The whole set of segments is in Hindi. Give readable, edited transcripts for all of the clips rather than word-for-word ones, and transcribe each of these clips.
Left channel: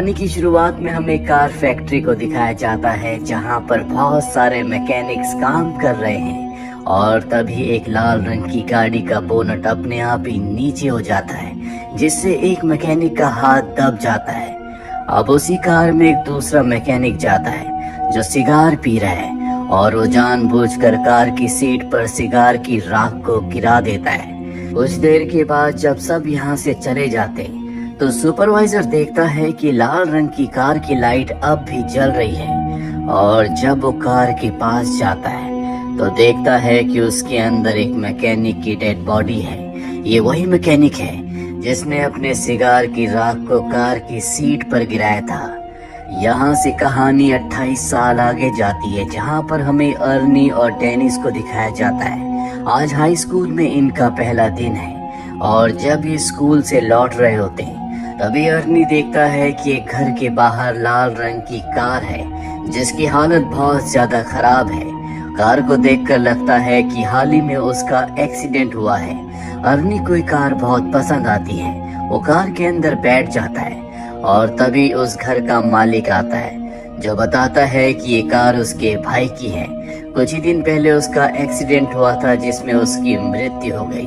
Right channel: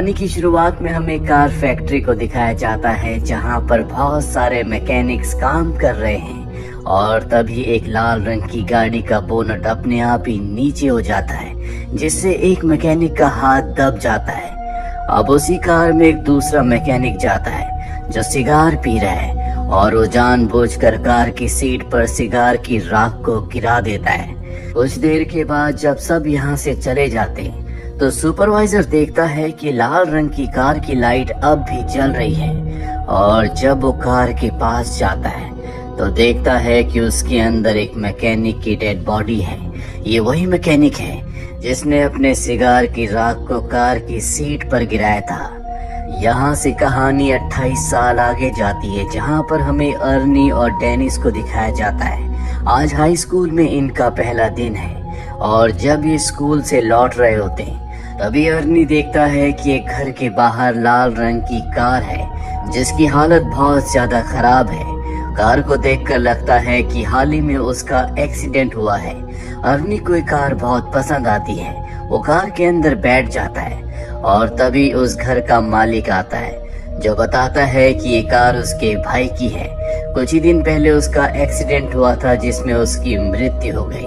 कहानी की शुरुआत में हमें कार फैक्ट्री को दिखाया जाता है जहां पर बहुत सारे मैकेनिक्स काम कर रहे हैं और तभी एक लाल रंग की गाड़ी का बोनट अपने आप ही नीचे हो जाता है जिससे एक मैकेनिक का हाथ दब जाता है। अब उसी कार में एक दूसरा मैकेनिक जाता है जो सिगार पी रहा है और वो जानबूझकर कार की सीट पर सिगार की राख को गिरा देता है। कुछ देर के बाद जब सब यहाँ से चले जाते हैं तो सुपरवाइजर देखता है कि लाल रंग की कार की लाइट अब भी जल रही है और जब वो कार के पास जाता है तो देखता है कि उसके अंदर एक मैकेनिक की डेड बॉडी है। ये वही मैकेनिक है जिसने अपने सिगार की राख को कार की सीट पर गिराया था। यहाँ से कहानी 28 साल आगे जाती है जहाँ पर हमें अर्नी और डेनिस को दिखाया जाता है। आज हाई स्कूल में इनका पहला दिन है और जब ये स्कूल से लौट रहे होते हैं तभी अर्नी देखता है कि एक घर के बाहर लाल रंग की कार है जिसकी हालत बहुत ज्यादा खराब है। कार को देखकर लगता है कि हाल ही में उसका एक्सीडेंट हुआ है। अर्नी को ये कार बहुत पसंद आती है। वो कार के अंदर बैठ जाता है और तभी उस घर का मालिक आता है जो बताता है कि ये कार उसके भाई की है। कुछ ही दिन पहले उसका एक्सीडेंट हुआ था जिसमें उसकी मृत्यु हो गई।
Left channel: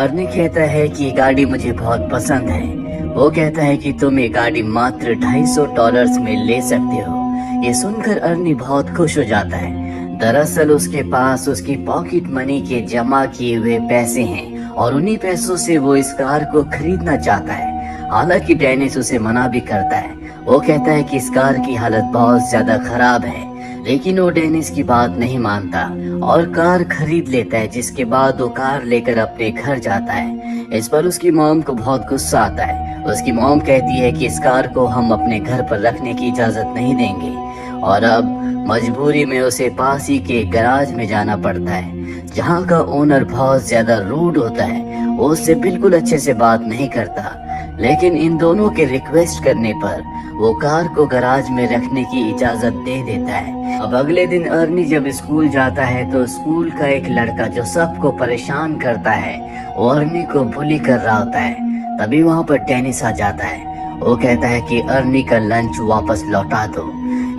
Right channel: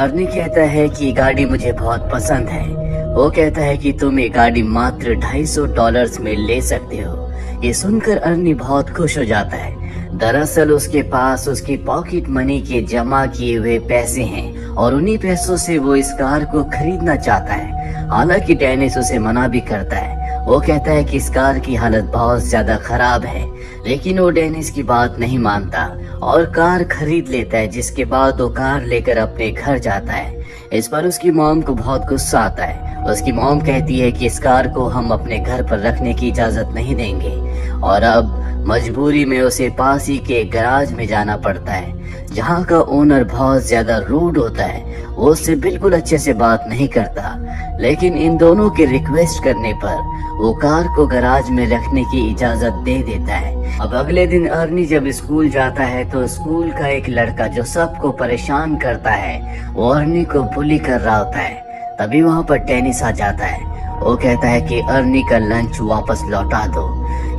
अर्नी कहता है कि ये गाड़ी मुझे बहुत पसंद है। वो कहता है कि तुम ये गाड़ी मात्र $250 में ले सकते हो। ये सुनकर अर्नी बहुत खुश हो जाता है। दरअसल उसके पास उसकी पॉकेट मनी के जमा किए हुए पैसे हैं और उन्हीं पैसों से वो इस कार को खरीदना चाहता है। हालांकि डेनिस उसे मना भी करता है। वो कहता है कि इस कार की हालत बहुत ज्यादा खराब है, लेकिन वो डेनिस की बात नहीं मानता और कार खरीद लेता है। जिसके बाद वो कार लेकर अपने घर जाता है। इस पर उसकी मॉम को बहुत गुस्सा आता है। उसकी मॉम कहती है कि इस कार को हम अपने घर पर रखने की इजाजत नहीं देंगे और अब मजबूरी में उसे पास ही के गैराज में जाना पड़ता है जहाँ का ओनर बहुत ज्यादा रूड होता है। वो उससे बिल्कुल अच्छे से बात नहीं करता, लेकिन इन दोनों के रिक्वेस्ट करने पर वो कार को गैराज में रखने की इजाजत दे देता है। अब अगले दिन अर्नी जब स्कूल जाता है तो स्कूल का एक लड़का जो सबको परेशान करता है वो अर्नी को बुली कर रहा होता है। तभी वहाँ पर डेनिस आ जाता है। वो कहता है कि अर्नी का लंच वापस लौटा दो।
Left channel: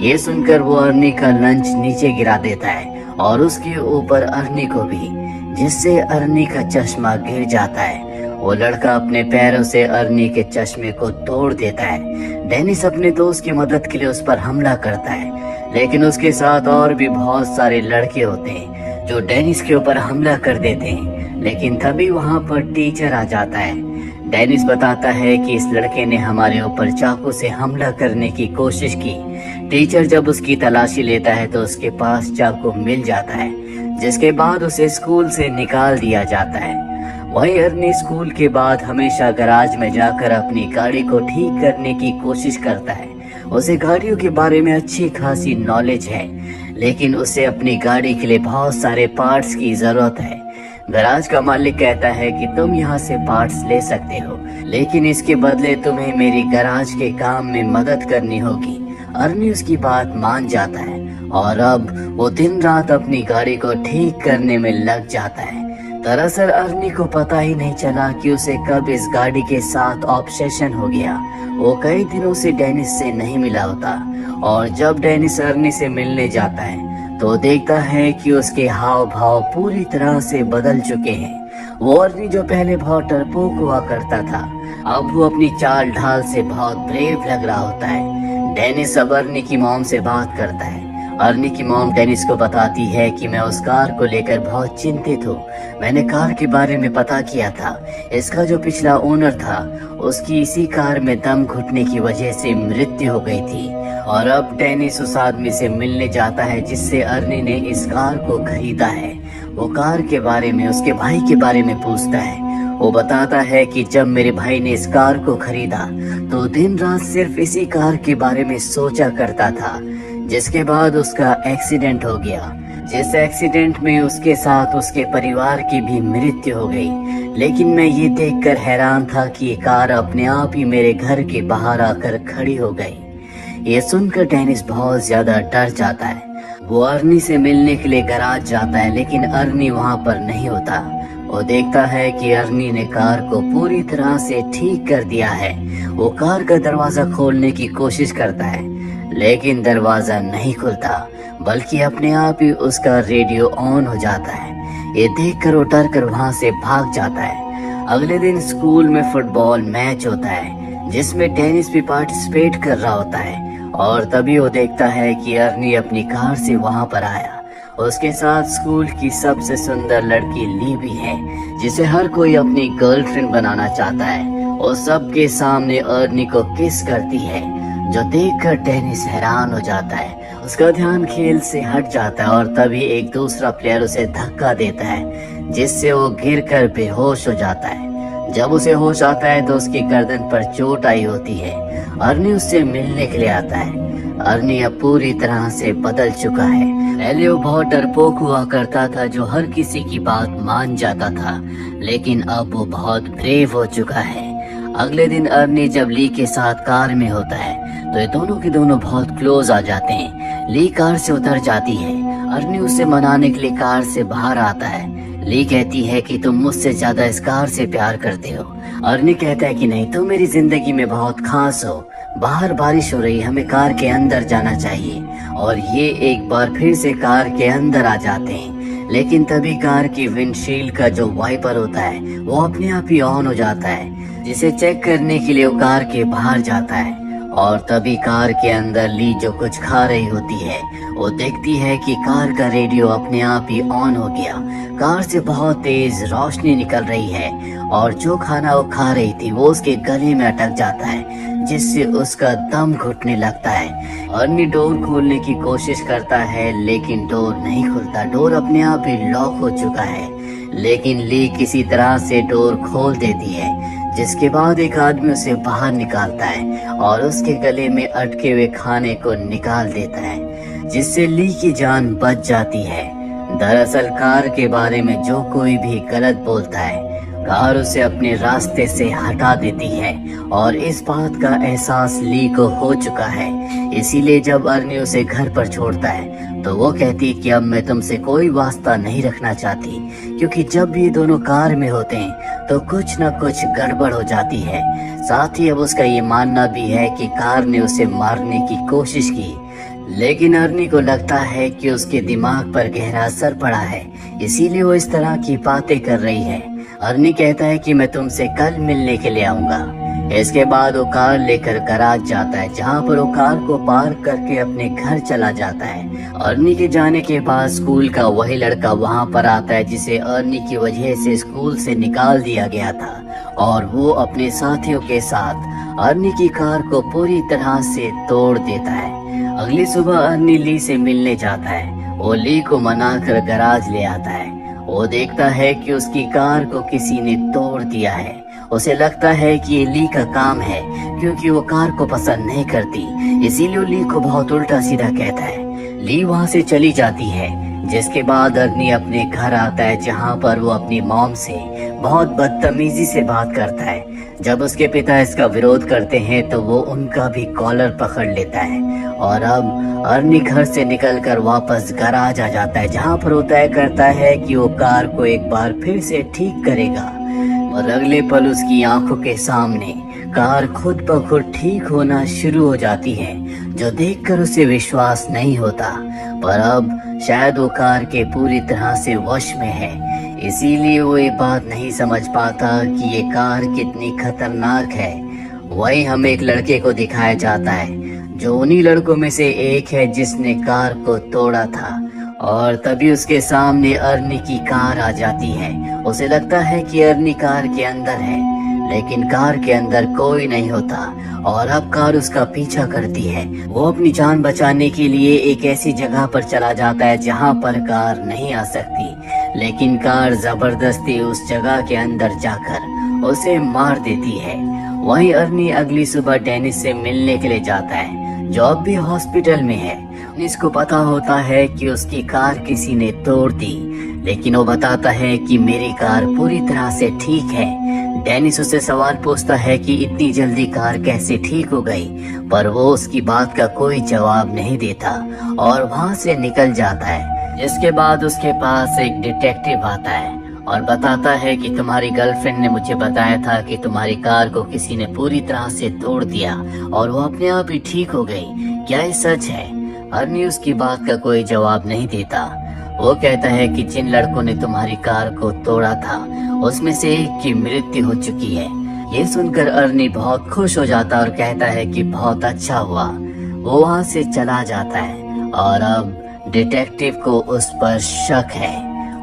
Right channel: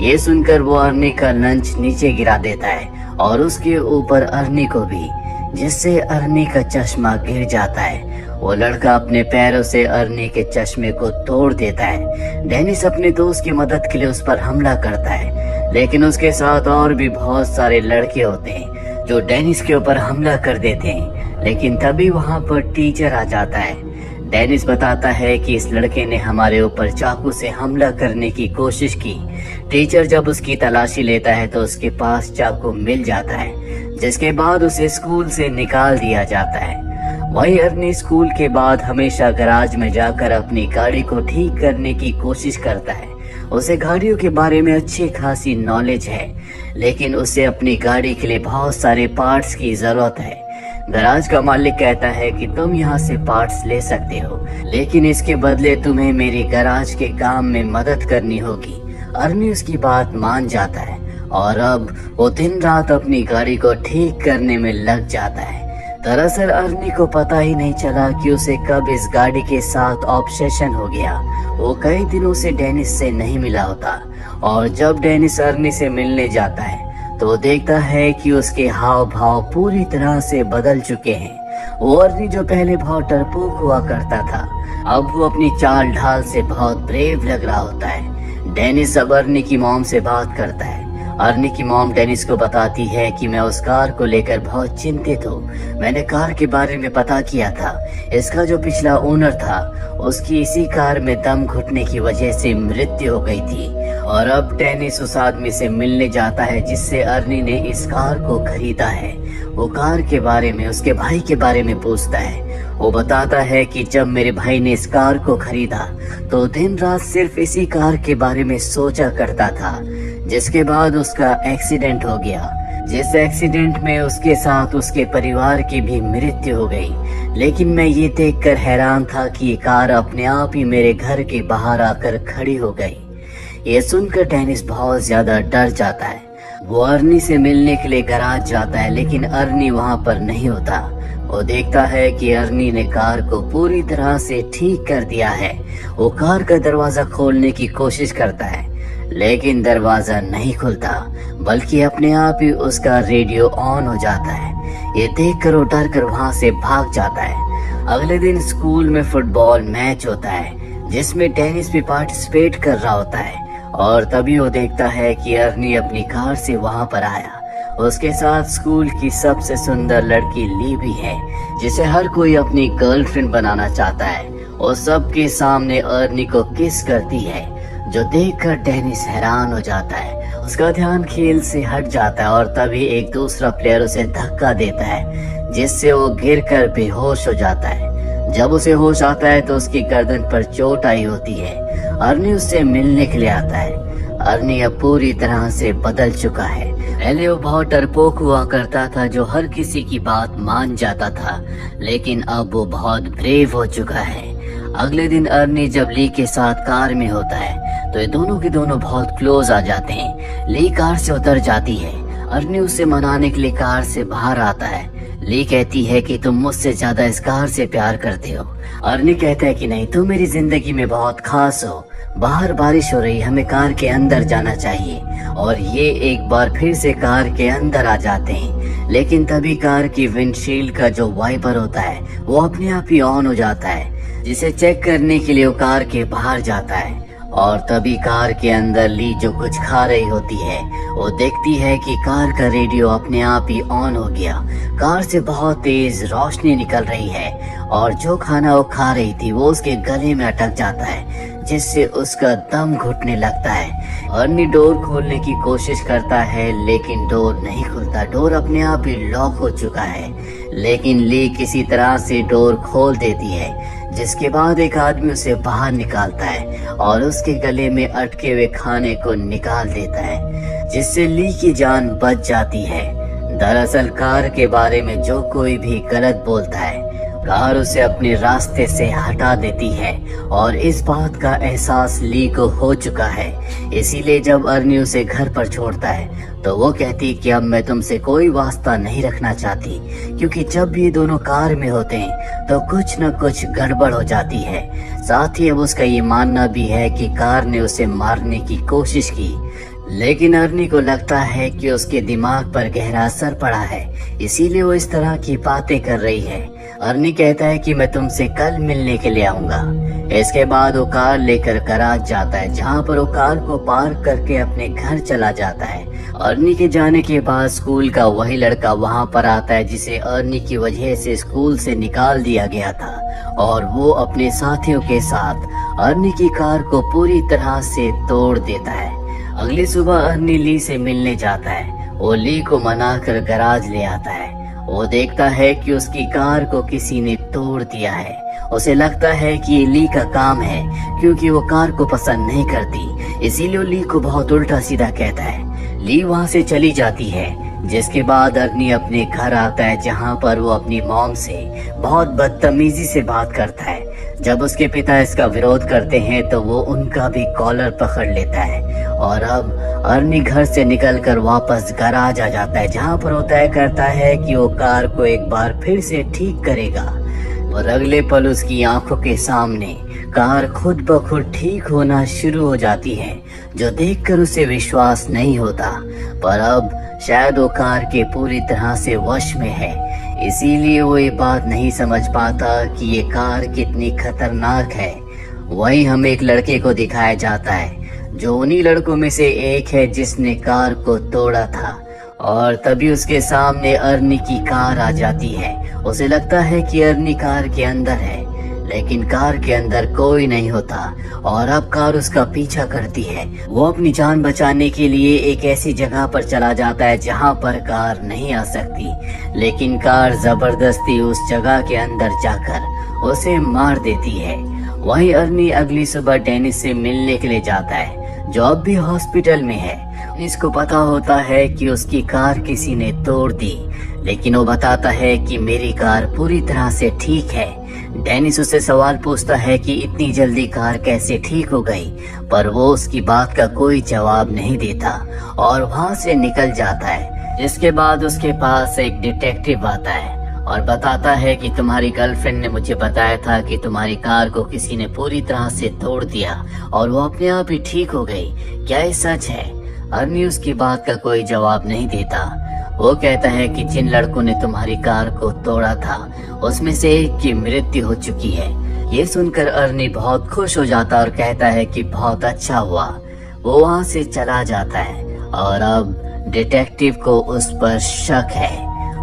ये सुनकर वो अर्नी का लंच नीचे गिरा देता है और उसके ऊपर अर्नी को भी, जिससे अर्नी का चश्मा गिर जाता है। वो लड़का अपने पैरों से अर्नी के चश्मे को तोड़ देता है। डेनिस अपने दोस्त की मदद के लिए उस पर हमला करता है, लेकिन उसके साथ और भी बहुत सारे लड़के होते हैं जो डेनिस के ऊपर हमला कर देते हैं। लेकिन तभी वहाँ पर टीचर आ जाता है। डेनिस बताता है कि इस लड़के ने हमारे ऊपर चाकू से हमला करने की कोशिश की। टीचर जब उसकी तलाशी लेता है तो उसके पास चाकू मिल जाता है, जिसके बाद उसे स्कूल से निकाल दिया जाता है। वही अर्नी स्कूल के बाद हमेशा गैराज में जाकर अपनी गाड़ी को ठीक करने की कोशिश करता है। उसे गाड़ियों के बारे में अच्छी खासी नॉलेज है, लेकिन उसे अपनी गाड़ी के लिए बहुत सारे पार्ट्स की जरूरत है। गैराज का मालिक कहता है कि तुम यहाँ से पार्ट्स ले सकते हो, लेकिन इसके बदले तुम्हें मेरी गैराज के काम में मदद करनी होगी। अर्नी उसकी बात मान जाता है और अब वो दिन रात अपनी गाड़ी को ठीक करने में लग जाता है। दरअसल अर्नी को पता ही नहीं चला कि उसे कब इस गाड़ी के साथ ऑब्सेशन हो गया। वो कई दिनों से डेनिस से नहीं मिला होता और जब डेनिस अर्नी से मिलने जाता है तो देखता है कि उसके हाव भाव पूरी तरह से बदल चुके हैं। वो अर्नी जो पहले बहुत डरपोक हुआ करता था, अब वो अपनी चाल ढाल से बहुत ब्रेव लग रहा होता है। डेनिस अब अर्नी की मॉम से बात करता है। अर्नी की मॉम डेनिस को बताती है कि मैं उस कार को लेकर बहुत चिंतित हूँ। मैंने कार के बारे में पता किया था। इसका जो पिछला ओनर था उसकी इसी कार में दम घुटने की वजह से मृत्यु हो गई थी और अब डेनिस उस आदमी से मिलने जाता है जिससे अर्नी ने इस कार को खरीदा है। वो कार के बारे में उसके भाई के बारे में पूछता है। वो बताता है कि जब मेरे भाई ने इस कार को खरीदा तो दिन रात सिर्फ इसी कार के बारे में सोचा करता था, जिसके बाद उसका एक्सीडेंट हो गया। जिस एक्सीडेंट में उसके साथ उसके परिवार की भी मृत्यु हो गई। लेकिन मैं ये देखकर हैरान था कि ये कार अपने आप ही मेरे घर के बाहर आकर खड़ी हो गई। ये सुनकर डेनिस बहुत ज्यादा डर जाता है। वो अर्नी से मिलने के लिए गैराज जाता है, लेकिन अर्नी वहाँ पर नहीं होता। वो देखता है कि अर्नी ने कार को पूरी तरह से ठीक कर दिया है। वो कार का दरवाजा खोलने की कोशिश करता है, लेकिन दरवाजा नहीं खुलता, बल्कि अपने आप ही उसका रेडियो ऑन हो जाता है। ये देखकर वो डर कर वहाँ से भाग जाता है। अगले दिन स्कूल में फुटबॉल मैच होता है, जिसमें टेनिस भी पार्टिसिपेट कर रहा होता है। और तभी वो देखता है कि अर्नी अपनी कार से वहाँ पर आया। उसके साथ स्कूल की सबसे सुंदर लड़की ली भी है, जिसे हर कोई अपनी गर्लफ्रेंड बनाना चाहता है। वो सबके सामने अर्नी को किस करती है, जो देखकर टेनिस हैरान हो जाता है। उसका ध्यान खेल से हट जाता है और तभी एक दूसरा प्लेयर उसे धक्का देता है, जिससे वो गिरकर बेहोश हो जाता है। जब उसे होश आता है तो उसकी गर्दन पर चोट आई होती है। अर्नी उससे मिलने के लिए आता है। अर्नी अब पूरी तरह से बदल चुका है। पहले वो बहुत डरपोक हुआ करता था, जो हर किसी की बात मान जाता था, लेकिन अब वो बहुत ब्रेव हो चुका है। अगले दिन अर्नी जब ली के साथ कार में होता है तो ये दोनों के दोनों बहुत क्लोज आ जाते हैं। ली कार से उतर जाती है। अर्नी उसे मनाने के लिए कार से बाहर आता है। ली कहती है कि तुम मुझसे ज्यादा इस कार से प्यार करते हो। अर्नी कहता है कि नहीं, तुम मेरी जिंदगी में बहुत खास हो। बाहर बारिश हो रही है, हमें कार के अंदर जाना चाहिए। और ये एक बार फिर से कार के अंदर आ जाते हैं, लेकिन तभी कार की विंडशील्ड का जो वाइपर होता है वो अपने आप ही ऑन हो जाता है, जिसे चेक करने के लिए वो कार के बाहर जाता है। और तभी कार के अंदर ली जो कुछ खा रही होती है, वो देखती है कि कार का रेडियो अपने आप ही ऑन हो गया। कार से बहुत तेज रोशनी निकल रही है और जो खाना वो खा रही थी वो उसके गले में अटक जाता है, जिससे उसका दम घुटने लगता है। अर्नी डोर खोलने की कोशिश करता है, लेकिन डोर नहीं खुलता। डोर अपने आप ही लॉक हो चुका है, लेकिन ली किसी तरह से डोर खोल देती है, जिसके बाद एक आदमी उसे बाहर निकालता है और उसके गले में अटके हुए खाने को निकाल देता है, जिससे ली की जान बच जाती है। दरअसल कार के बारे में जो कोई भी गलत बोलता है, कार उसे अपने रास्ते से हटा देती है। और इस बात का एहसास ली को हो चुका है। इसीलिए जब अर्नी उसे घर पर छोड़ता है तो वो कहती है कि अब मैं तुमसे कोई वास्ता नहीं रखना चाहती, क्योंकि जब भी ये दोनों कार में होते हैं तो कुछ न कुछ गड़बड़ हो जाती है। साथ ही अब उसका ये मानना भी है कि कार ने उसे मारने की कोशिश की, लेकिन अर्नी को लगता है कि उसके दिमाग पर गहरा असर पड़ा है, इसीलिए वो इस तरह की बातें कर रही है। अर्नी कहता है कि मैं तुमसे कल मिलने के लिए आऊंगा। इसके बाद वो कार लेकर गैराज जाता है, जहाँ पर वो कार को पार्क करके अपने घर चला जाता है। अर्नी के जाने के बाद स्कूल का वही लड़का वहाँ पर आता है, जिसे अर्नी की वजह से स्कूल से निकाल दिया गया था, और वो अपने साथियों के साथ अर्नी की कार को पूरी तरह से तोड़ देता है। अगली सुबह अर्नी ली से मिलने जाता है। वो ली को मनाकर गैराज ले आता है। वो देखता है कि उसकी कार को किसी ने तोड़ दिया है। उसे लगता है कि ये ली का काम है, क्योंकि वो कार को पसंद नहीं करती, इसीलिए वो ली को बहुत उल्टा सीधा कहता है। ली वहाँ से चली जाती है, जिसके बाद अर्नी अपने घर आता है, जहाँ पर वो अपनी मॉम से बहुत बदतमीजी से बात करता है। जब उसके पिता इसका विरोध करते हैं तो वो उनका भी कॉलर पकड़ लेता है। और अब अर्नी घर से निकलकर वापस गैराज आ जाता है, जहाँ पर वो तय करता है कि वो कार को एक बार फिर से ठीक करेगा। और अगले पल उसकी आंखों के सामने कार खुद ब खुद ठीक होना शुरू हो जाती है, जो देखकर उसे विश्वास नहीं होता। पर अब शायद वो कार के पूरी तरह से वश में है, इसीलिए वो ये बात नहीं समझ पाता कि ये कार कितनी खतरनाक है। वही हमें एक लड़के को दिखाया जाता है, जो उन्हीं लड़कों में से एक है जिसने कार को तोड़ा था। और तभी उसके सामने अर्नी की कार आ जाती है। उसे लगता है कि अर्नी कार के अंदर है, लेकिन कार के अंदर कोई नहीं होता। और अब कार उसका पीछा करती है। वो अपनी जान बचाने के लिए एक ऐसी जगह पर चला जाता है जहाँ पर कार नहीं आ सकती, लेकिन कार जबरदस्ती उस जगह के अंदर जाकर उसे मार देती है। वहीं अर्नी अगली सुबह टेनिस से मिलने के लिए जाता है, जो अब भी हॉस्पिटल में है। इसको पता होता है कि उसकी कार किसी ने तोड़ दी, लेकिन वो बताता है कि मेरी कार पूरी तरह से ठीक है। डेनिस उससे सवाल पूछता है कि इतनी जल्दी कार कैसे ठीक हो गई, पर वो उसकी बात का कोई जवाब नहीं देता और वहाँ से निकल जाता है। इसके बाद उसके पास एक डिटेक्टिव आता है और बताता है कि तुम्हारी गर्लफ्रेंड ने मुझे बताया था कि तुम्हारी कार को किसी ने पूरी तरह से तोड़ दिया और वो अपने आप ही ठीक हो गई। क्या ये सच है? अर्नी उसकी बात का कोई जवाब नहीं देता। वो कहता है कि जिन लड़कों ने तुम्हारी कार को तोड़ा था उसमें से एक की मृत्यु हो चुकी है। ये सुनकर अर्नी बहुत खुश हो जाता और कहता है कि बहुत अच्छा हुआ। वो वहाँ से चला जाता है और अब डिटेक्टिव को उस पर शक है।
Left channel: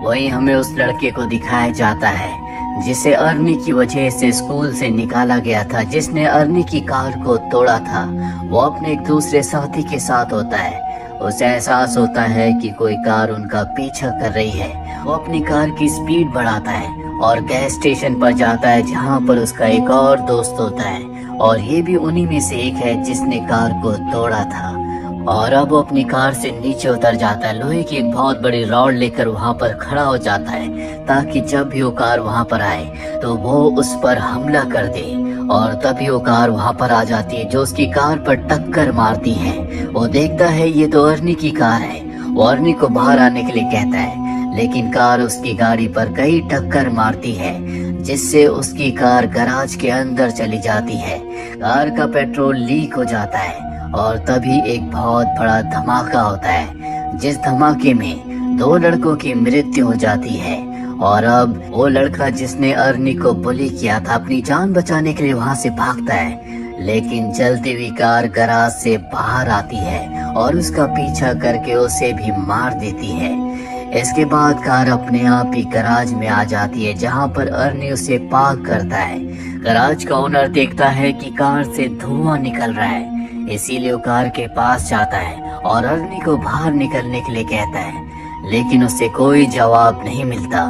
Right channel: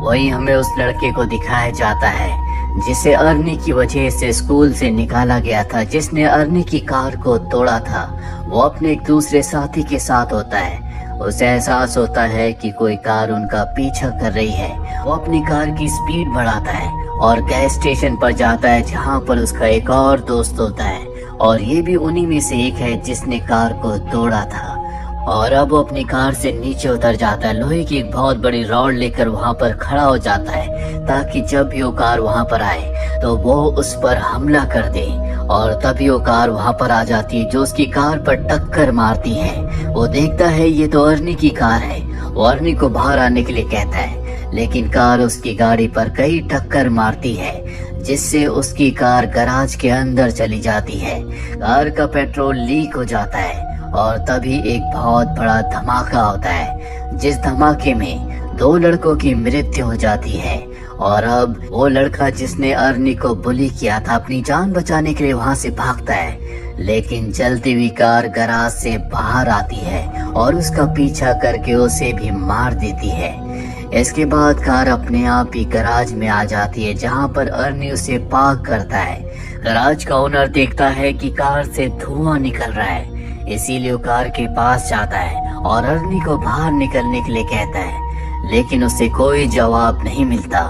वही हमें उस लड़के को दिखाया जाता है जिसे अर्नी की वजह से स्कूल से निकाला गया था, जिसने अर्नी की कार को तोड़ा था। वो अपने एक दूसरे साथी के साथ होता है। उसे एहसास होता है कि कोई कार उनका पीछा कर रही है। वो अपनी कार की स्पीड बढ़ाता है और गैस स्टेशन पर जाता है जहाँ पर उसका एक और दोस्त होता है और ये भी उन्हीं में से एक है जिसने कार को तोड़ा था। और अब वो अपनी कार से नीचे उतर जाता है, लोहे की एक बहुत बड़ी रॉड लेकर वहाँ पर खड़ा हो जाता है ताकि जब भी वो कार वहाँ पर आए तो वो उस पर हमला कर दे। और तभी वो कार वहाँ पर आ जाती है जो उसकी कार पर टक्कर मारती है। वो देखता है ये तो अर्नी की कार है। वो अर्नी को बाहर आने के लिए कहता है, लेकिन कार उसकी गाड़ी पर कई टक्कर मारती है जिससे उसकी कार गैराज के अंदर चली जाती है। कार का पेट्रोल लीक हो जाता है और तभी एक बहुत बड़ा धमाका होता है, जिस धमाके में 2 लड़कों की मृत्यु हो जाती है। और अब वो लड़का जिसने अर्नी को बुली किया था अपनी जान बचाने के लिए वहाँ से भागता है, लेकिन चलती हुई कार गैराज से बाहर आती है और उसका पीछा करके उसे भी मार देती है। इसके बाद कार अपने आप ही गैराज में आ जाती है जहाँ पर अर्नी उसे पार्क करता है। गैराज का ओनर देखता है कि कार से धुआं निकल रहा है, इसीलिए वो कार के पास जाता है और अर्नी को बाहर निकलने के लिए कहता है, लेकिन उसे कोई जवाब नहीं मिलता।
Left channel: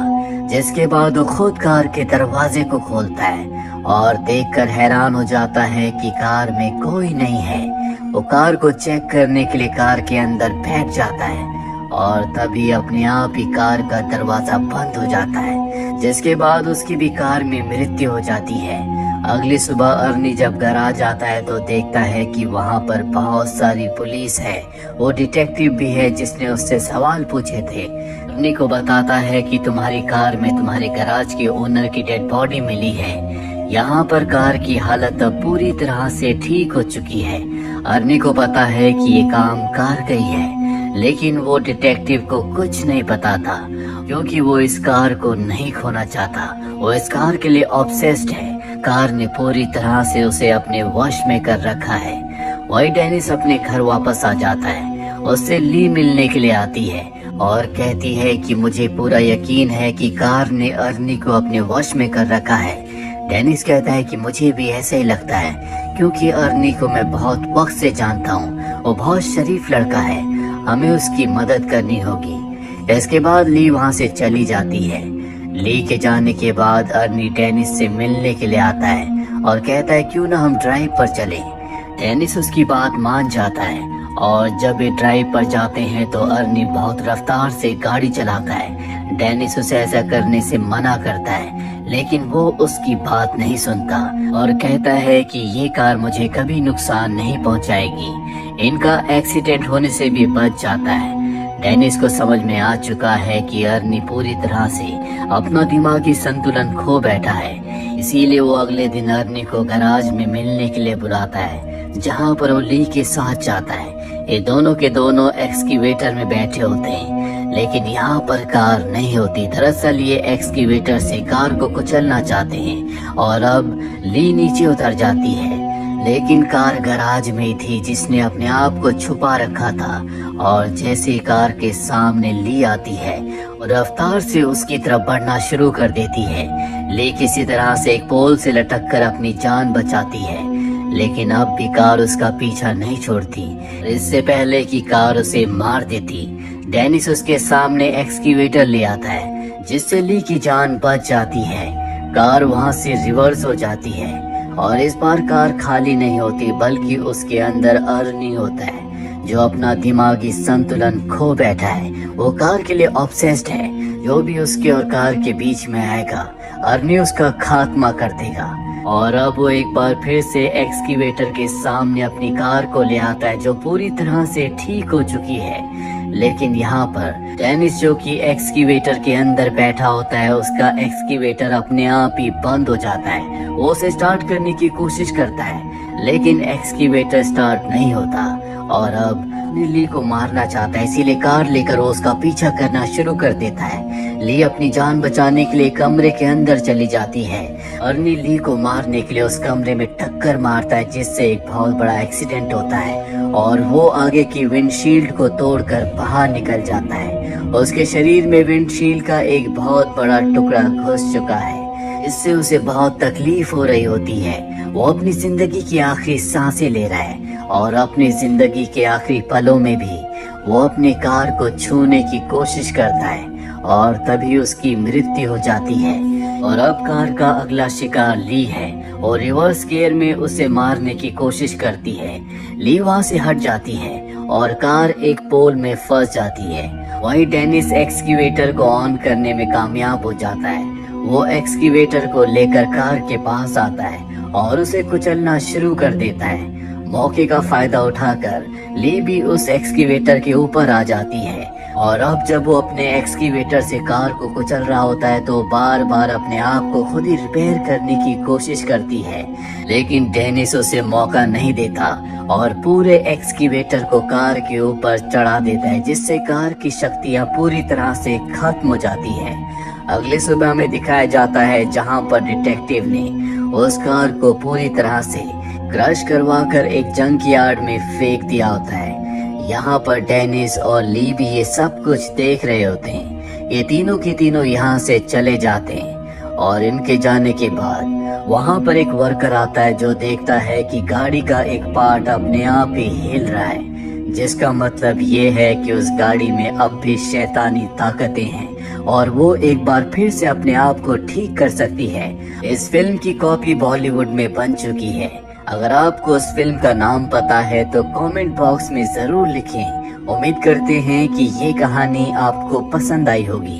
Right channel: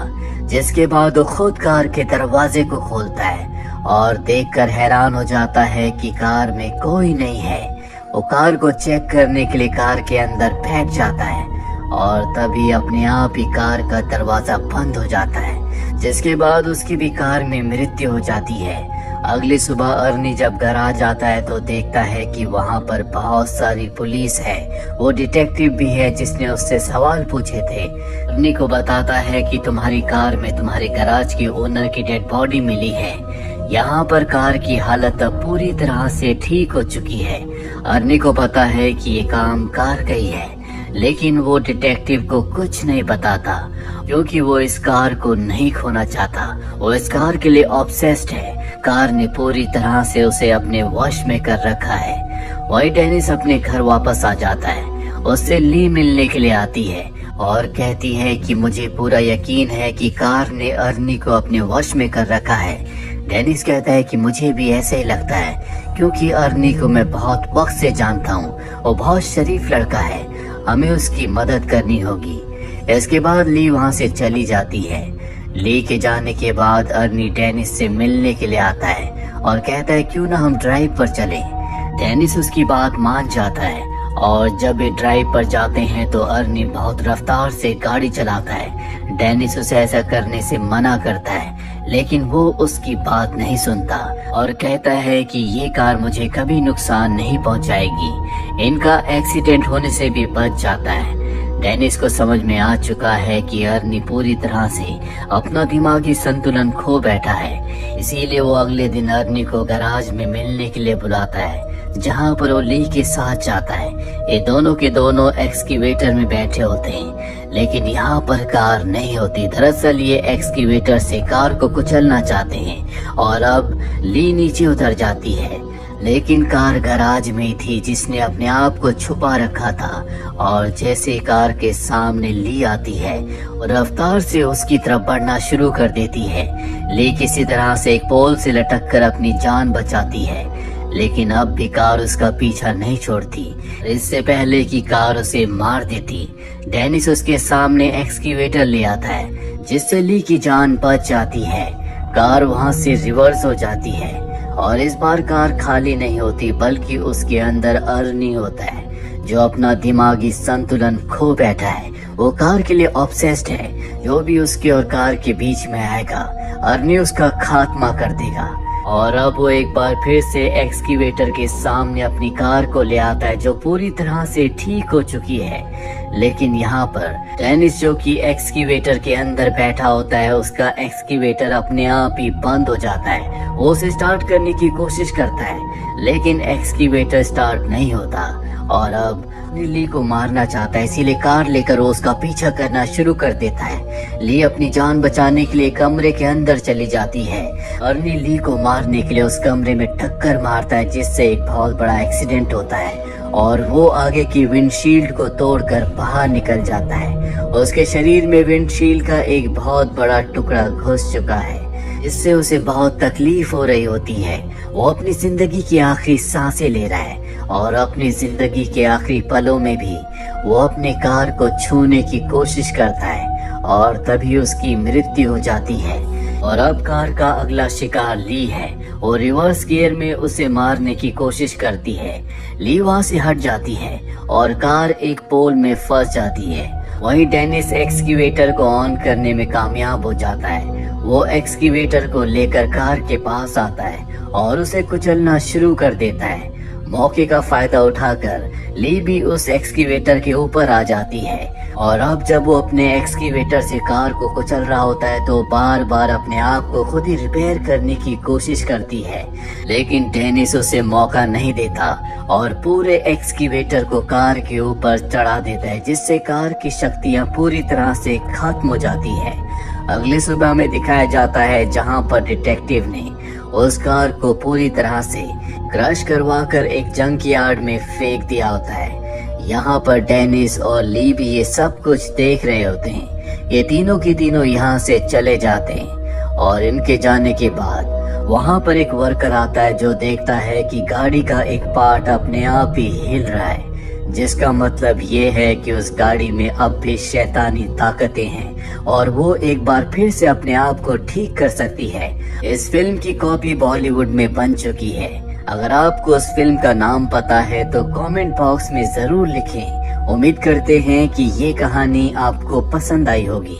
जिसके बाद वो खुद कार के दरवाजे को खोलता है और देखकर हैरान हो जाता है कि कार में कोई नहीं है। वो कार को चेक करने के लिए कार के अंदर बैठ जाता है और तभी अपने आप ही कार का दरवाजा बंद हो जाता है, जिसके बाद उसकी भी कार में मृत्यु हो जाती है। अगली सुबह अर्नी जब घर आ जाता है तो देखता है कि वहाँ पर बहुत सारी पुलिस है। वो डिटेक्टिव भी है जिसने उससे सवाल पूछे थे। अर्नी को बताता है कि तुम्हारी कार में तुम्हारे गैराज के ओनर की डेड बॉडी मिली है। यहाँ पर कार की हालत अब पूरी तरह से ठीक हो चुकी है। अर्नी को पता है कि ये काम कार का ही है, लेकिन वो डिटेक्टिव को कुछ नहीं पता था क्योंकि वो इस कार को नहीं खोना चाहता। वो इस कार के लिए ऑब्सेस्ड है। कार ने पूरी तरह से उसे अपने वश में कर रखा है। वही डेनिस अपने घर वापस आ जाता है। उससे ली मिलने के लिए आती है और कहती है कि मुझे पूरा यकीन है कि कार ने अर्नी को अपने वश में कर रखा है। डेनिस कहता है कि मुझे भी ऐसे ही लगता है क्योंकि अर्नी को मैं बहुत वक्त से जानता हूँ। वो बहुत शरीफ लड़का है, हमें उसकी मदद करनी होगी। इसके बाद ली वहाँ से चली जाती है। ली के जाने के बाद अर्नी डेनिस से मिलने के लिए आता है और कहता है क्यों ना हम ड्राइव पर चले। डेनिस उसकी बात मान जाता है और जब वे ड्राइव पर जाते हैं तो अर्नी बहुत रफ्तार से गाड़ी चलाता है। डेनिस उसे ऐसा करने से मना करता है, लेकिन वो उसकी बात नहीं सुनता और कहता है कि ये कार मुझे कभी नुकसान नहीं पहुंचाएगी। इनका एक्सीडेंट होने से भी बच जाता है। डेनिस को समझ में आ चुका है कि अर्नी पूरी तरह से अपना दिमागी संतुलन खो बैठा है, इसीलिए वो अगले दिन अर्नी को गैराज में मिलने के लिए बुलाता है जहाँ पर वो ली के साथ जाता है। ये दोनों के दोनों एक्सकेवेटर में बैठे होते हैं, लेकिन यहाँ पर कार नहीं होती। दरअसल ये एक्सकेवेटर से कार को कुचलना चाहते हैं और अब ली नीचे उतर जाती है, लेकिन कार गैराज में ही थी जिसने अपने आप को छुपा रखा था। और जैसे कार के सामने ली आती है वो रफ्तार से उसकी तरफ बढ़ना शुरू कर देती है। ली किसी तरह से एक पोल से लटक कर अपनी जान बचाती है, लेकिन अब भी कार उसका पीछा नहीं छोड़ती। इससे पहले कि कार उसे मार देती, डेनिस उसके सामने एक्सकेवेटर ले आता है जिससे ली की जान बच जाती है। कार वहाँ से रिवर्स हो जाती है और इस बार कार खाली नहीं होती बल्कि उसके अंदर अर्नी होता है जो अपना दिमागी संतुलन खो बैठा है। वो कार के लिए ऑब्सेस्ड है। जो भी उसके और कार के बीच में आएगा अर्नी उसका खात्मा कर देगा। और अब वो एक बार फिर से एक्सकेवेटर के सामने अपनी कार को ले आता है जो पूरी तरह से ठीक हो चुकी है। लेकिन यहाँ पर डेनिस जो कि एक्सकेवेटर के अंदर बैठा होता है, उसका एक्सकेवेटर अपने आप ही बंद हो जाता है। वो उसे स्टार्ट करने की कोशिश करता है लेकिन एक्सकेवेटर स्टार्ट नहीं होता और अब ली को मारना चाहता है, इसीलिए कार लेकर वो उसका पीछा करना शुरू कर देता है। ली अपनी जान बचाने के लिए कमरे के अंदर चली जाती है। अर्नी ली को मारने के लिए उस कमरे में टक्कर मारता है जिससे एक बहुत बड़ा एक्सीडेंट होता है और वो आगे की विंडशील्ड को तोड़कर बाहर निकल जाता है। उसके शरीर में विंडशील्ड का एक बहुत बड़ा टुकड़ा घुस चुका है, इससे उसे बहुत तकलीफ हो रही होती है। वो अपनी जिंदगी की आखिरी सांसें ले रहा है और अपनी जिंदगी के आखिरी पलों में भी वो अपनी कार को छूने की कोशिश करता है और तभी उसकी मृत्यु हो जाती है। और अब कार का अगला शिकार ली है और रिवर्स गियर में उसे मारने की कोशिश करती है। ली वहाँ से हट जाती है और कार एक पोल में फंस जाती है। वही डेनिस एक्सकेवेटर को ऑन करने में कामयाब हो जाता है। वो एक्सकेवेटर को लेकर कार के पास आता है और उसे कुचलना शुरू कर देता है। मौके का फायदा उठाकर ली भी उस एक्सकेवेटर के ऊपर आ जाती है और अब जब वो अपने एक्सकेवेटर से कार को कुचल रहा होता है तो बार बार अपने आप को खुद ही रिपेयर करने की कोशिश करती है, लेकिन डेनिस उसे मौका नहीं देता और पूरे एक्सकेवेटर को कार के ऊपर चढ़ा देता है जिससे कार की शक्तियां पूरी तरह से खत्म हो जाती है। अगले सुबह में दिखाया जाता है जहां पर डिटेक्टिव ने उस कार को पूरी तरह से क्रश करवाकर एक जंक यार्ड में फेंक दिया होता है। यहाँ पर डेनिस और ली भी ये सब कुछ देख रहे होते हैं। ये तीनों के तीनों यहाँ से चले जाते हैं और इनके जाने के बाद वहाँ पर एक वर्कर आता है जो देखता है कि गाड़ी का एक पार्ट अपने आप ही हिल रहा है, जिसका मतलब ये है कि उस गाड़ी में अब भी शैतानी ताकतें हैं और वो एक बार फिर से अपने आप को ठीक कर सकती है। इस फिल्म की कॉपी बॉलीवुड में बन चुकी है। अगर आपको उस फिल्म का नाम पता है तो कमेंट बॉक्स में जरूर लिखें। उम्मीद करते हैं कि ये कहानी आपको पसंद आई होगी।